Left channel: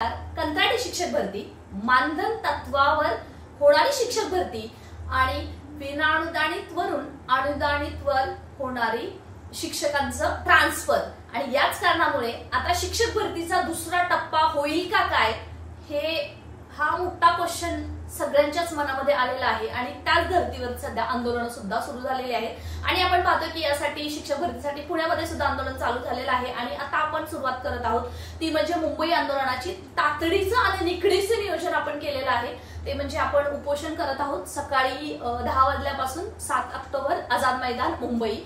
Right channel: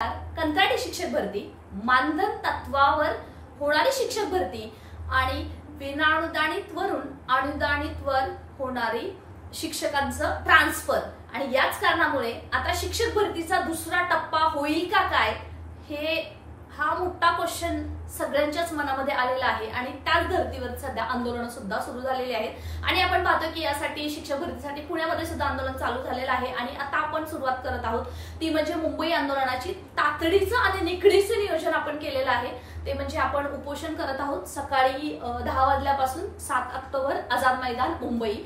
कंत्राटी शिक्षक भरती, मानधन तत्वावर होणारी शिक्षक भरती आणि विनाअनुदानित वरून अनुदानित वर होणारी शिक्षकांचं ट्रान्सफर आणि याच कारणामुळे आता शिक्षक भरतीचा दुसरा टप्पा होईल का काय हा मोठा क्वेश्चन सगळ्यांच्याच मनामध्ये आलेला आहे आणि त्याच धर्तीवर सध्या आंदोलन सुद्धा सुरू झालेली आहेत आणि आपण पाहतो की यासाठी शिक्षक भरतीसाठी पुण्यामध्ये सुद्धा आंदोलन चालू झालेलं आहे आणि आता आपण सुरुवात करत आहोत ती म्हणजे मुंबई आंदोलनाची तातडीचं आणि निकडीचं नियोजन आपण केलेलं आहे ते म्हणजे आपण उपोषण करत आहोत सकाळी 10 वाजल्यापासून 7 ऑक्टोबर आझाद मैदान मुंबई।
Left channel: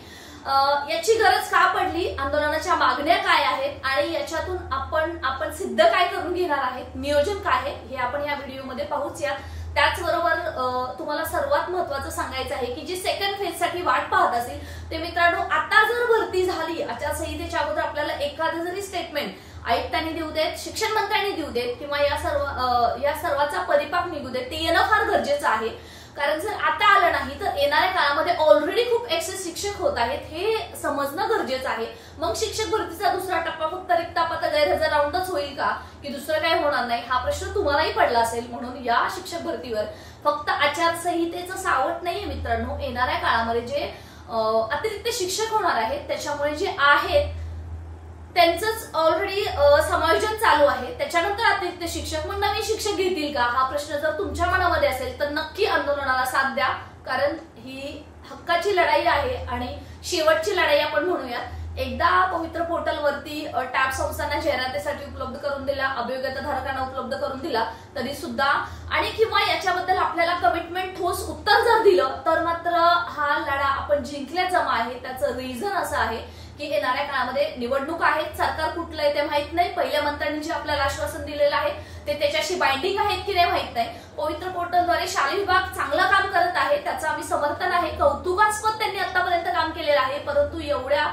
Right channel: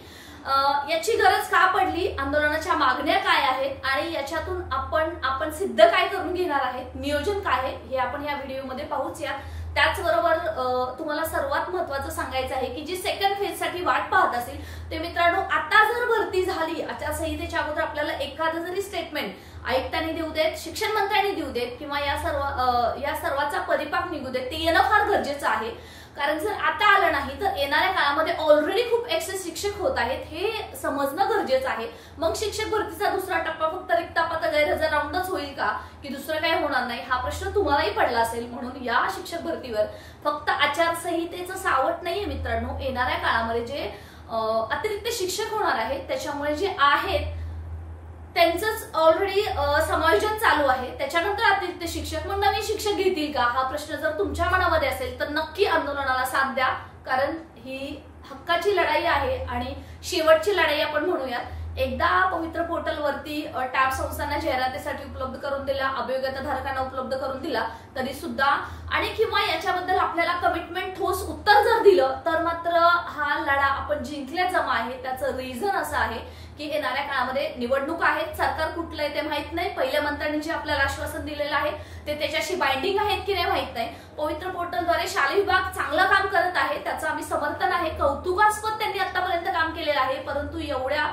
याची गरज का पडली, आंदोलनाच्या मागण्या काय आहेत आणि याच्यातून आपण सिद्ध काय करून घेणार आहेत, नियोजन काय आहे हे आपण या व्हिडिओमध्ये पाहूच या। त्याचबरोबर तुम्हाला सर्वात महत्त्वाचं सांगायचं आहे की जी सेकंड फेज साठी वाट पाहत असेल ते मित्रांनो, आता जर भरती झाली आचारसंहितेच्या अगोदर आपल्याला एखादं जरी स्टेटमेंट आयुक्तांनी देऊ देत, शिक्षण मंत्र्यांनी देऊ देत किंवा या सर्वाचा परिपाक निघू देत ते येणं फार गरजेचं आहे। कारण जर आता आलं नाही तर येणाऱ्या काळामध्ये ऑलरेडी खूप एक्सेस शिक्षक होत आहेत हे समजणं गरजेचं आहे। मग शिक्षक भरतीचा दुसरा टप्पा फक्त रिक्तापात गैरहजर राऊंडच होईल का की दुसरं काही होणार नाही हा प्रश्न तुम्हालाही पडला असेल। म्हणून या शिक्षक भरतीवर फक्त आचारसंहितेचं सावट नाहीये मित्रांनो, येणाऱ्या काळामध्ये जे अतिरिक्त शिक्षक होणार आहेत त्याच्यामुळे जे आहेत त्यांचंच ऑलरेडी समायोजन चालू आहे, त्याच्यानंतर अतिरिक्त शिक्षक मग नवीन शिक्षक घेतील का हा प्रश्न जर तुमच्या मनामध्ये असेल तर नक्की आंदोलनाला साथ द्या, कारण ही हक्काची लढाई आहे आणि शेवटची लढाई आपण म्हणूयात। एकदा पवित्र पोर्टलवरती टॅब संस्थांना जाहिरातीसाठी उपलब्ध करून दिला, अभियोग्यता धारकांना उपलब्ध करून दिला तरी सुद्धा आणि किंवा याच्याबद्दल आपल्याला कमिटमेंट ठोस उत्तर जर दिलं तर मात्र हा लढा आपण जिंकल्या जमा आहे। त्याचं रिझन असं आहे की येणाऱ्या काळामध्ये निवडणूक आहेत, सरकार कुठलं आहे ते माहित नाही, पहिल्या मंत्र्यांनी जे आपल्याला आश्वासन दिलेलं आहे ते त्याच्याशी बाइंडिंग आहेत की नाही माहित नाही। पवित्र पोर्टलद्वारे शालेय विभाग चांगलं काम करत आहे, त्याचं आम्ही समर्थन आहे, कौतुकास्पद त्यांनी आतापर्यंत काम केलेलं आहे, परंतु एवढ्या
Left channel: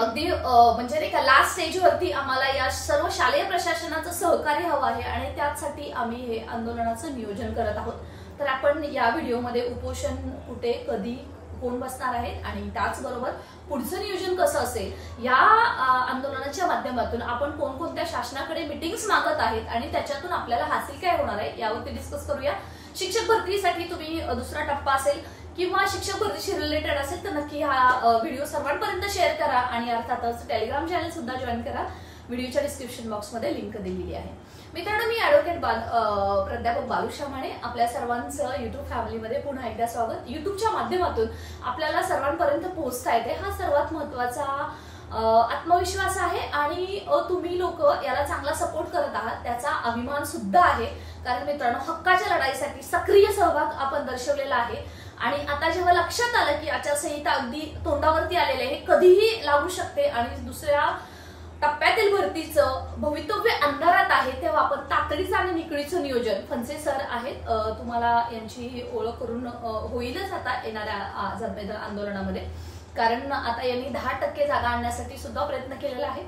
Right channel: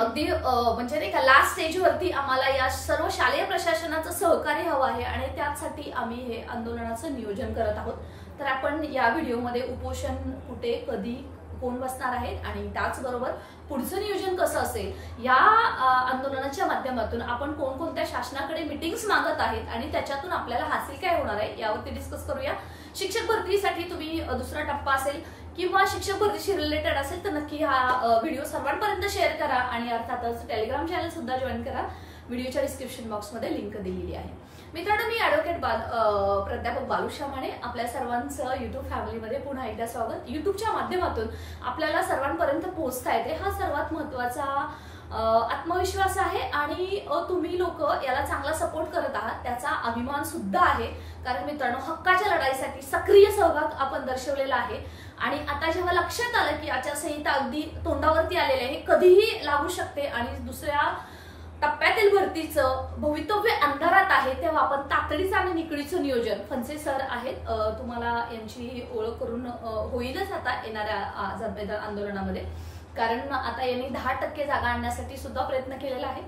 अगदी म्हणजे नाही का लास्ट स्टेजवरती आम्हाला या सर्व शालेय प्रशासनाचं सहकार्य हवं आहे आणि त्यासाठी आम्ही हे आंदोलनाचं नियोजन करत आहोत। तर आपण या व्हिडिओमध्ये उपोषण कुठे कधी कोण बसणार आहेत आणि त्याचबरोबर पुढचं नियोजन कसं असेल या आंदोलनाच्या माध्यमातून आपण कोणकोणत्या शासनाकडे मीटिंग्स मागत आहेत आणि त्याच्यातून आपल्याला हासिल काय होणार आहे यावरती डिस्कस करूया। शिक्षक भरतीसाठी तुम्ही दुसरा टप्पा असेल किंवा शिक्षक भरतीशी रिलेटेड असेल तर नक्की हा व्हिडिओ सर्वांपर्यंत शेअर करा आणि अर्थातच टेलिग्राम चॅनल सुद्धा जॉईन करा, व्हिडिओच्या डिस्क्रिप्शन बॉक्समध्ये लिंक दिलेली आहे। मित्रांनो, मी ऍडव्होकेट प्राध्यापक बालुशा माने, आपल्या सर्वांचं युट्यूब फॅमिलीमध्ये पुन्हा एकदा स्वागत। युट्यूबच्या माध्यमातून आपल्याला सर्वांपर्यंत पोहोचता येते हा सर्वात महत्वाचा आत्मविश्वास आहे आणि तुम्ही लोक याला चांगला सपोर्ट करत आहात त्याचा अभिमान सुद्धा आहे, कारण मित्रांनो हक्काच्या लढाईसाठी सक्रिय सहभाग आपण दर्शवलेला आहे आणि आता जेव्हा लक्षात आलं की आचारसंहिता अगदी तोंडावरती आलेली आहे, कधीही लागू शकते आणि दुसऱ्या टप्प्यातील भरतीचं भवितव्य अंधारात आहे, तेव्हा आपण तातडीचं आणि निकडीचं नियोजन, फणसे सर आहेत, तुम्हाला यांची ओळख करून होईलच आता येणाऱ्या आझाद मैदान आंदोलनामध्ये, कारण आता यांनी 10% जागा आणण्यासाठी सुद्धा प्रयत्न केलेला आहे,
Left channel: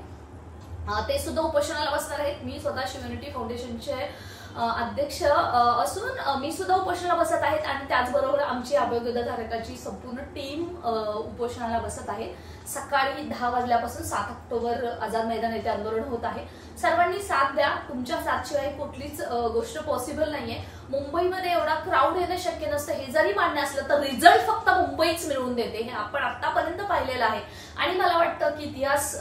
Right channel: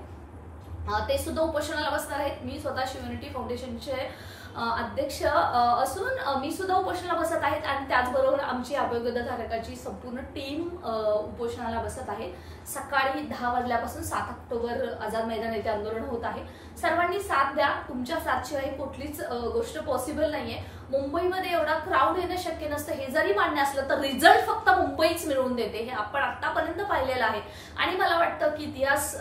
ते सुद्धा उपोषणाला बसणार आहेत। मी स्वतः शिवयुनिटी फाउंडेशनचे अध्यक्ष असून मी सुद्धा उपोषणाला बसत आहेत आणि त्याचबरोबर आमची अभियोग्यता धारकाची संपूर्ण टीम उपोषणाला बसत आहे। सकाळी 10 वाजल्यापासून 7 ऑक्टोबर आझाद मैदान येथे आंदोलन होत आहे, सर्वांनी साथ द्या, तुमच्या साथशिवाय कुठलीच गोष्ट पॉसिबल नाहीये। मुंबईमध्ये एवढा क्राऊड येणं शक्य नसतं, हे जरी मान्य असलं तर रिझल्ट फक्त मुंबईच मिळवून देते हे आपण आतापर्यंत पाहिलेलं आहे आणि मला वाटतं की इतिहास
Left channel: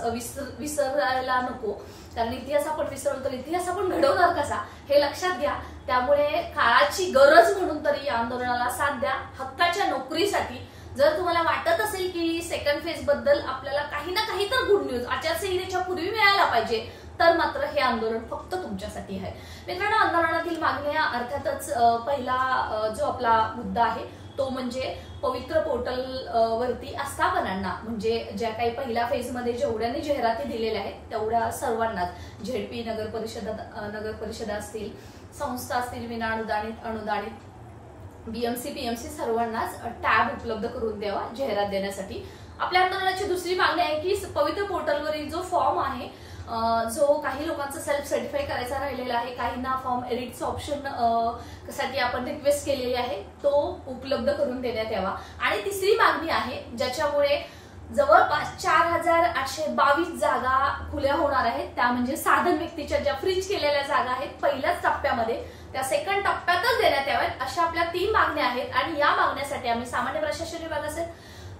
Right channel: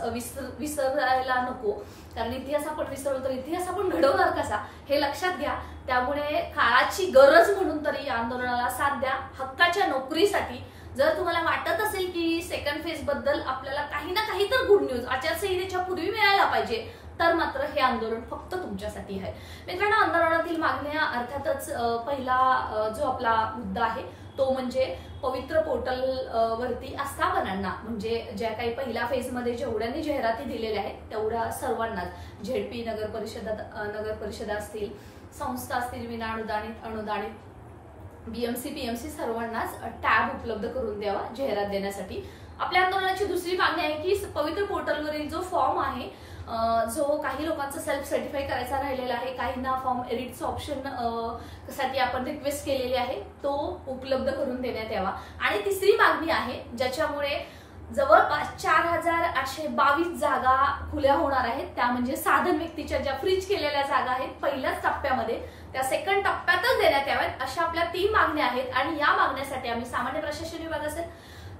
विसरायला नको, कारण इतिहास आपण विसरलो तर इतिहास आपण घडवणार कसा हे लक्षात घ्या। त्यामुळे काळाची गरज म्हणून तरी या आंदोलनाला साथ द्या हक्काच्या नोकरीसाठी। जर तुम्हाला वाटत असेल की सेकंड फेज बद्दल आपल्याला काही ना काही तर गुड न्यूज आचारसंहितेच्या पूर्वी मिळायला पाहिजे तर मात्र हे आंदोलन फक्त तुमच्यासाठी आहे। मित्रांनो, आंदोलनातील मागण्या अर्थातच पहिला जो आपला मुद्दा आहे तो म्हणजे पवित्र पोर्टल वरती आस्थापनांना, म्हणजे ज्या काही पहिल्या फेजमध्ये जेवढ्यांनी जाहिराती दिलेल्या आहेत तेवढ्या सर्वांनाच झेडपी नगर परिषदा असतील, संस्था असतील, विनाअनुदानित अनुदानित बीएमसी पीएमसी सर्वांनाच टॅब उपलब्ध करून द्यावा जाहिरात देण्यासाठी। आपल्या आंदोलनाची दुसरी मागणी आहे की पवित्र पोर्टलवरील जो फॉर्म आहे जो काही लोकांचं सेल्फ सर्टिफाय करायचा राहिलेला आहे, काहींना फॉर्म एडिटचं ऑप्शन साठी आपण रिक्वेस्ट केलेली आहे तो उपलब्ध करून देण्यात यावा। आणि तिसरी मागणी आहे ज्याच्यामुळे जवळपास 4822 जागा खुल्या होणार आहेत. त्या म्हणजे साधन व्यक्तीच्या ज्या फ्रीज केलेल्या जागा आहेत पहिल्याच टप्प्यामध्ये त्या सेकंड टप्प्यातच देण्यात याव्यात अशा आपल्या 3 मागण्या आहेत. आणि या मागण्यासाठी आम्ही सामान्य प्रशासन विभाग असेल,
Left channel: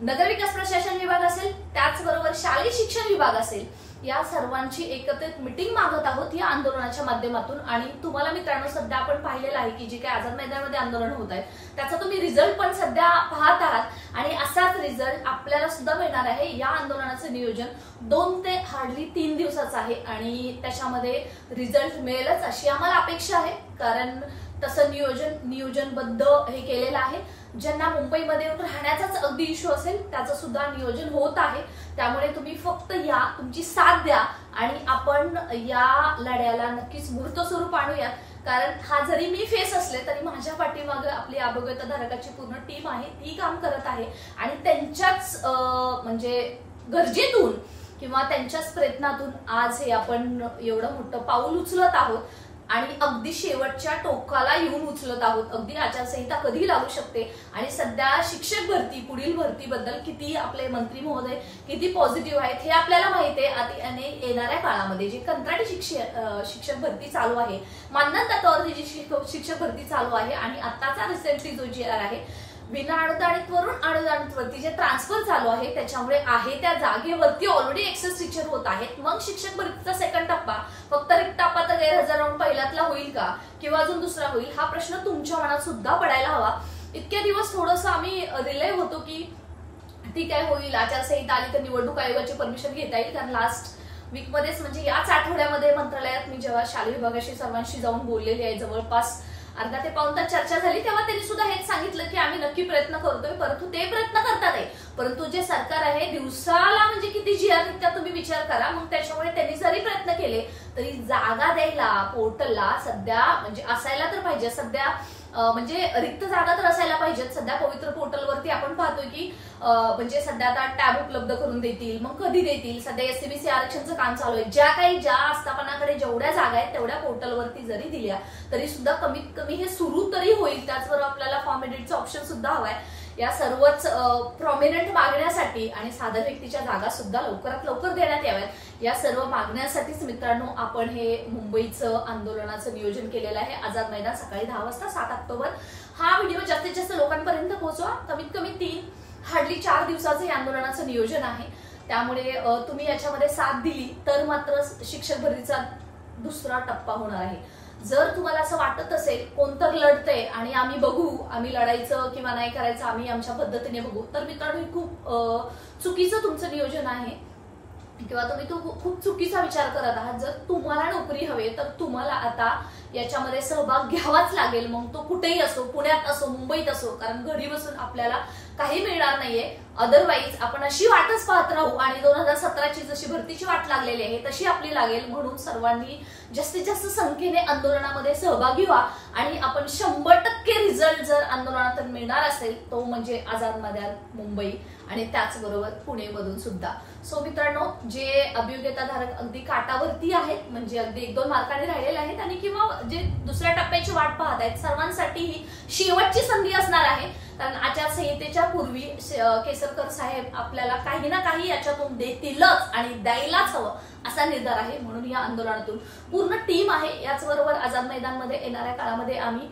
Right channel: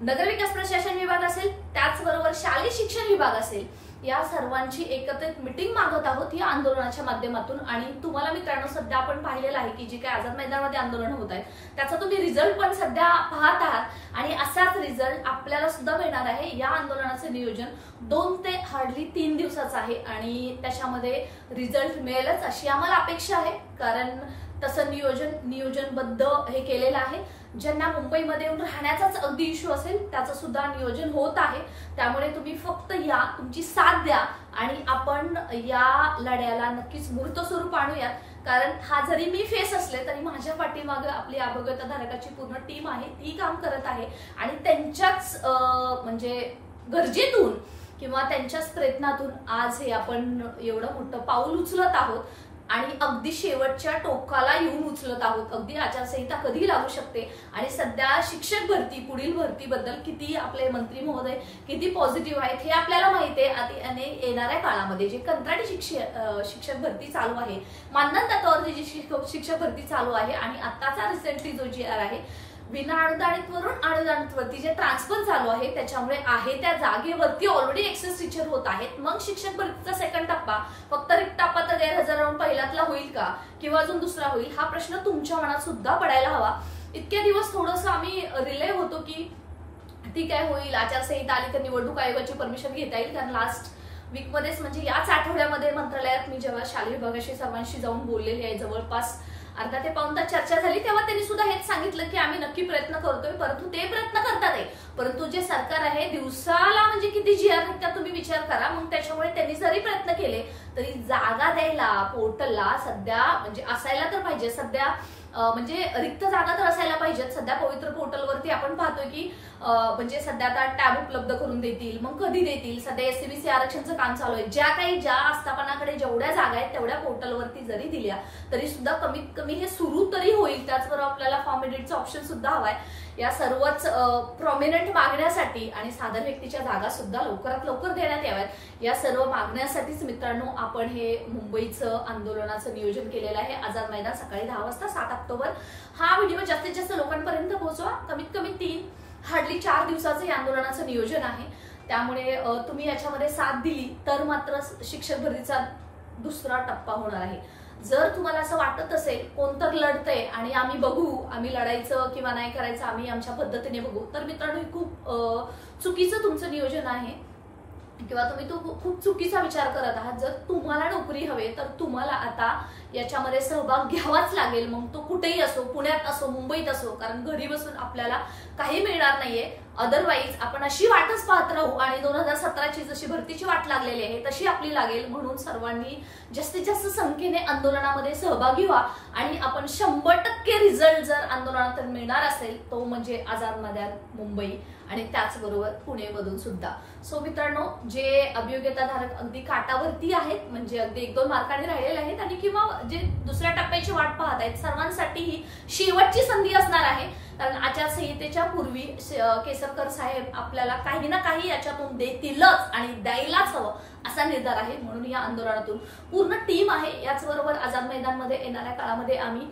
नगरविकास प्रशासन विभाग असेल, त्याचबरोबर शालेय शिक्षण विभाग असेल, या सर्वांची एकत्रित मिटिंग मागत आहोत या आंदोलनाच्या माध्यमातून. आणि तुम्हाला मित्रांनो सध्या आपण पाहिलेलं आहे की जे काही आझाद मैदानामध्ये आंदोलन होत आहेत त्याचा तुम्ही रिझल्ट पण सध्या पाहत आहात आणि असाच रिझल्ट आपल्याला सुद्धा मिळणार आहे. या आंदोलनाचं नियोजन 2 ते हार्डली 3 दिवसाचं आहे आणि त्याच्यामध्ये रिझल्ट मिळेलच अशी आम्हाला अपेक्षा आहे. कारण तसं नियोजनबद्ध हे केलेलं आहे. ज्यांना मुंबईमध्ये येऊन राहण्याचाच अगदी इश्यू असेल त्याचं सुद्धा नियोजन होत आहे. त्यामुळे तुम्ही फक्त या, तुमची साथ द्या आणि आपण या लढ्याला नक्कीच मूर्त स्वरूप आणूया. कारण हा जरी मी फेस असले तरी माझ्या पाठीमागे आपली अभ्यागतधारकाची पूर्ण टीम आहे, ती काम करत आहे आणि त्यांच्याच म्हणजे गरजेतून किंवा त्यांच्याच प्रयत्नातून आज हे आपण एवढं मोठं पाऊल उचलत आहोत आणि अगदी शेवटच्या टोकाला येऊन उचलत आहोत. अगदी आचारसंहिता कधी लागू शकते आणि सध्या शिक्षक भरती, पुढील भरतीबद्दल किती आपले मंत्री महोदय किती पॉझिटिव्ह आहेत हे आपल्याला माहिती आहे. आणि येणाऱ्या काळामध्ये जी कंत्राटी शिक्षक भरती चालू आहे, मानधन तत्वावरती जी शिक्षक भरती चालू आहे आणि आताचा रिसेंटली जो GR आहे विना अनुदानितवरून अनुदानितवरती जे ट्रान्सफर चालू आहे त्याच्यामुळे आहे त्या जागेवरती ऑलरेडी एक्सेस टीचर होत आहेत. मग शिक्षक भरतीचा सेकंड टप्पा फक्त रिक्त टप्पा तर गैरहजर राहून पहिल्यातला होईल का किंवा अजून दुसरा होईल हा प्रश्न तुमच्या मनात सुद्धा पडायला हवा. इतक्या दिवस थोडंसं आम्ही रिले होतो की ठीक आहे होईल, आचारसंहिता आली तर निवडणूक आयोगाची परमिशन घेता येईल. कारण लास्ट वीकमध्येच म्हणजे याच आठवड्यामध्ये मंत्रालयात मी जेव्हा शालेय विभागाशी सर्वांशी जाऊन बोललेली आहे, जवळपास अर्धा ते पाऊण तास चर्चा झाली, तेव्हा त्यांनी सुद्धा हेच सांगितलं की आम्ही नक्की प्रयत्न करतोय. परंतु ते प्रयत्न करतात आहे, परंतु जे सरकार आहे दिवसाला म्हणजे किती GR निघतात तुम्ही विचार करा. मग त्याच्यामुळे त्यांनी जरी प्रयत्न केले तरी जागा द्यायला पोर्टलला सध्या म्हणजे असायला तर पाहिजे. सध्या म्हणजे रिक्त जागा तर असायला पाहिजेत. सध्या पवित्र पोर्टलवरती आपण पाहतोय की म्हणजे सध्या आता टॅब उपलब्ध करून देतील, मग कधी देतील. सध्या SCBC आरक्षणचं काम चालू आहे. ज्या आस्थापनाकडे जेवढ्या जागा आहेत तेवढ्या पोर्टलवरती जरी दिल्या तरी सुद्धा कमीत कमी हे सुरू तरी होईल. त्याचबरोबर आपल्याला फॉर्म एडिटचा ऑप्शन सुद्धा हवाय. या सर्वच प्रॉमिनंट मागण्यासाठी आणि साधन व्यक्तीच्या जागा सुद्धा लवकरात लवकर देण्यात याव्यात. या सर्व मागण्यासाठीच मित्रांनो आपण हे मुंबईचं आंदोलनाचं नियोजन केलेलं आहे. आझाद मैदान सकाळी 10 वाजता 7 ऑक्टोबर. हा व्हिडिओ जास्तीत जास्त लोकांपर्यंत पोहोचवा. कमीत कमी 3 हार्डली 4 दिवसाचं हे आंदोलनाचं नियोजन आहे. त्यामुळे तुम्ही याच्यामध्ये साथ दिली तर मात्र शिक्षक भरतीचा दुसरा टप्पा होणार आहे. जर तुम्हाला असं वाटत असेल कोणतर लढतंय आणि आम्ही बघू, आम्ही लढायचं किंवा नाही करायचं आम्ही आमच्या पद्धतीने बघू, तर मित्रांनो हे खूप चुकीचं तुमचं नियोजन आहे किंवा तुम्ही खूप चुकीचा विचार करत आहात. जर तुम्हाला नोकरी हवे तर तुम्हाला आता याच्यामध्ये सहभाग घ्यावाच लागेल. मग तो कुठेही असो, पुण्यात असो, मुंबईत असो, कारण घरी बसून आपल्याला काही मिळणार नाहीये. अदरवाईज आपण अशी वाटच पाहत राहू आणि 2017ची जशी भरतीची वाट लागलेली आहे तशी आपली लागेल. म्हणून सर्वांनी जास्तीत जास्त संख्येने आंदोलनामध्ये सहभागी व्हा आणि आपण 100% रिझल्ट जर आंदोलनातून मिळणार असेल तो म्हणजे आझाद मैदान मुंबई आणि त्याचबरोबर पुणेमधून सुद्धा. सो मित्रांनो, जे अभियोग्यताधारक अगदी काटावरती आहेत म्हणजे अगदी 1-2 मार्कांनी राहिलेले आहेत आणि किंवा जे दुसऱ्या टप्प्याची वाट पाहत आहेत सर्वांसाठी ही शेवटची संधी असणार आहे. कारण आचारसंहितेच्या पूर्वी केसरकर साहेब आपल्याला काही ना काही याच्यातून देतीलच आणि द्यायलाच हवं असा निर्धार आहे. म्हणून या आंदोलनातून पूर्ण टीम आहे. याचबरोबर आझाद मैदानमध्ये येणाऱ्या काळामध्ये आम्ही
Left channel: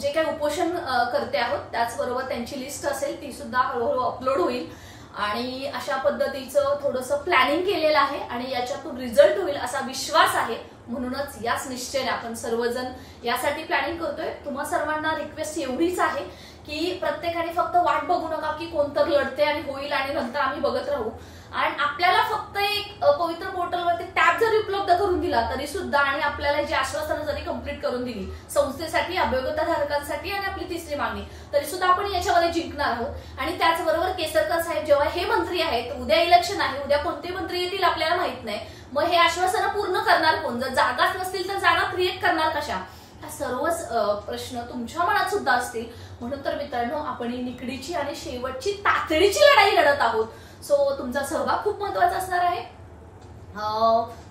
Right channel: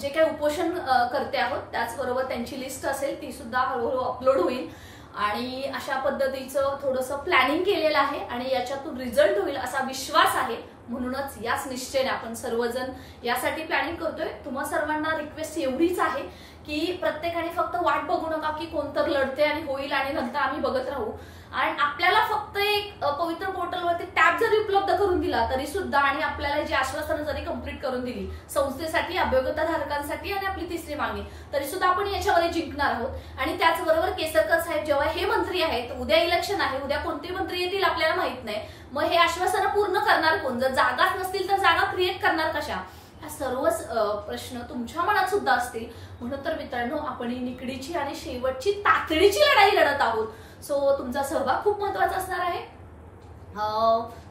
जे काही उपोषण करते आहोत त्याचबरोबर त्यांची लिस्ट असेल ती सुद्धा हळूहळू अपलोड होईल आणि अशा पद्धतीचं थोडंसं प्लॅनिंग केलेलं आहे आणि याच्यातून रिझल्ट होईल असा विश्वास आहे. म्हणूनच याच निश्चयाने आपण सर्वजण यासाठी प्लॅनिंग करतोय. तुम्हा सर्वांना रिक्वेस्ट एवढीच आहे की प्रत्येकाने फक्त वाट बघू नका की कोणतर लढते आणि होईल आणि नंतर आम्ही बघत राहू. आणि आपल्याला फक्त एक पवित्र पोर्टलवरती टॅब जरी उपलब्ध करून दिला तरी सुद्धा आणि आपल्याला जी आश्वासनं जरी कंप्लीट करून दिली संस्थेसाठी, अभियोग्यताधारकांसाठी आणि आपली तिसरी मागणी, तरी सुद्धा आपण याच्यामध्ये जिंकणार आहोत. आणि त्याचबरोबर केसरकर साहेब जेव्हा हे मंत्री आहेत, उद्या इलेक्शन आहे, उद्या कोणते मंत्री येतील आपल्याला माहित नाही, मग हे आश्वासनं पूर्ण करणार कोण? जर जागाच नसतील तर जागा क्रिएट करणार कशा? हा सर्वच प्रश्न तुमच्या मनात सुद्धा असतील. म्हणून तर मित्रांनो आपण ही निकडीची आणि शेवटची तातडीची लढाई लढत आहोत. सो तुमचा सहभाग खूप महत्वाचा असणार आहे.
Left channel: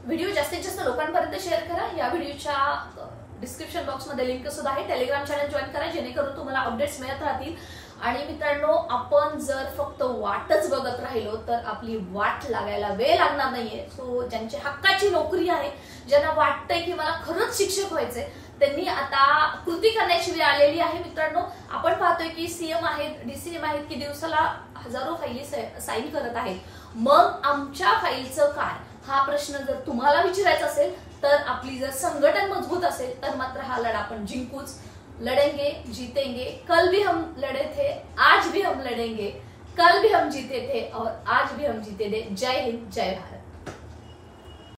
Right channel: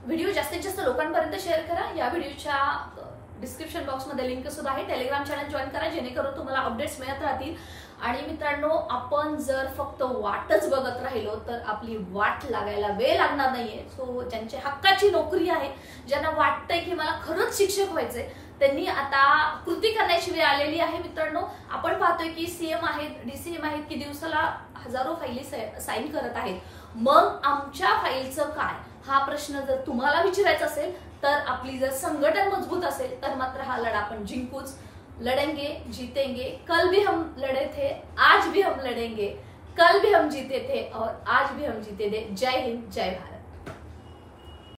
व्हिडिओ जास्तीत जास्त लोकांपर्यंत शेअर करा. या व्हिडिओच्या डिस्क्रिप्शन बॉक्समध्ये लिंक सुद्धा आहे. टेलिग्राम चॅनल जॉईन करा जेणेकरून तुम्हाला अपडेट्स मिळत राहतील. आणि मित्रांनो, आपण जर फक्त वाटच बघत राहिलो तर आपली वाट लागायला वेळ लागणार नाहीये. सो ज्यांची हक्काची नोकरी आहे, ज्यांना वाटतंय की मला खरंच शिक्षक व्हायचंय, त्यांनी आता कृती करण्याची वेळ आलेली आहे. मित्रांनो, आपण पाहतोय की सीएम आहेत, डीसीएम आहेत की दिवसाला हजारो फाईली साईन करत आहेत. मग आमच्या फाईलचं काय, हा प्रश्न जर तुम्हाला विचारायचा असेल तर आपली जर संघटन मजबूत असेल तर मात्र हा लढा आपण जिंकूच. लढेंगे, जीतेंगे. कल भी हम लड़े थे, आज भी हम लड़ेंगे. कल भी हम जीते थे और आज भी हम जीते थे. जय हिंद, जय भारत.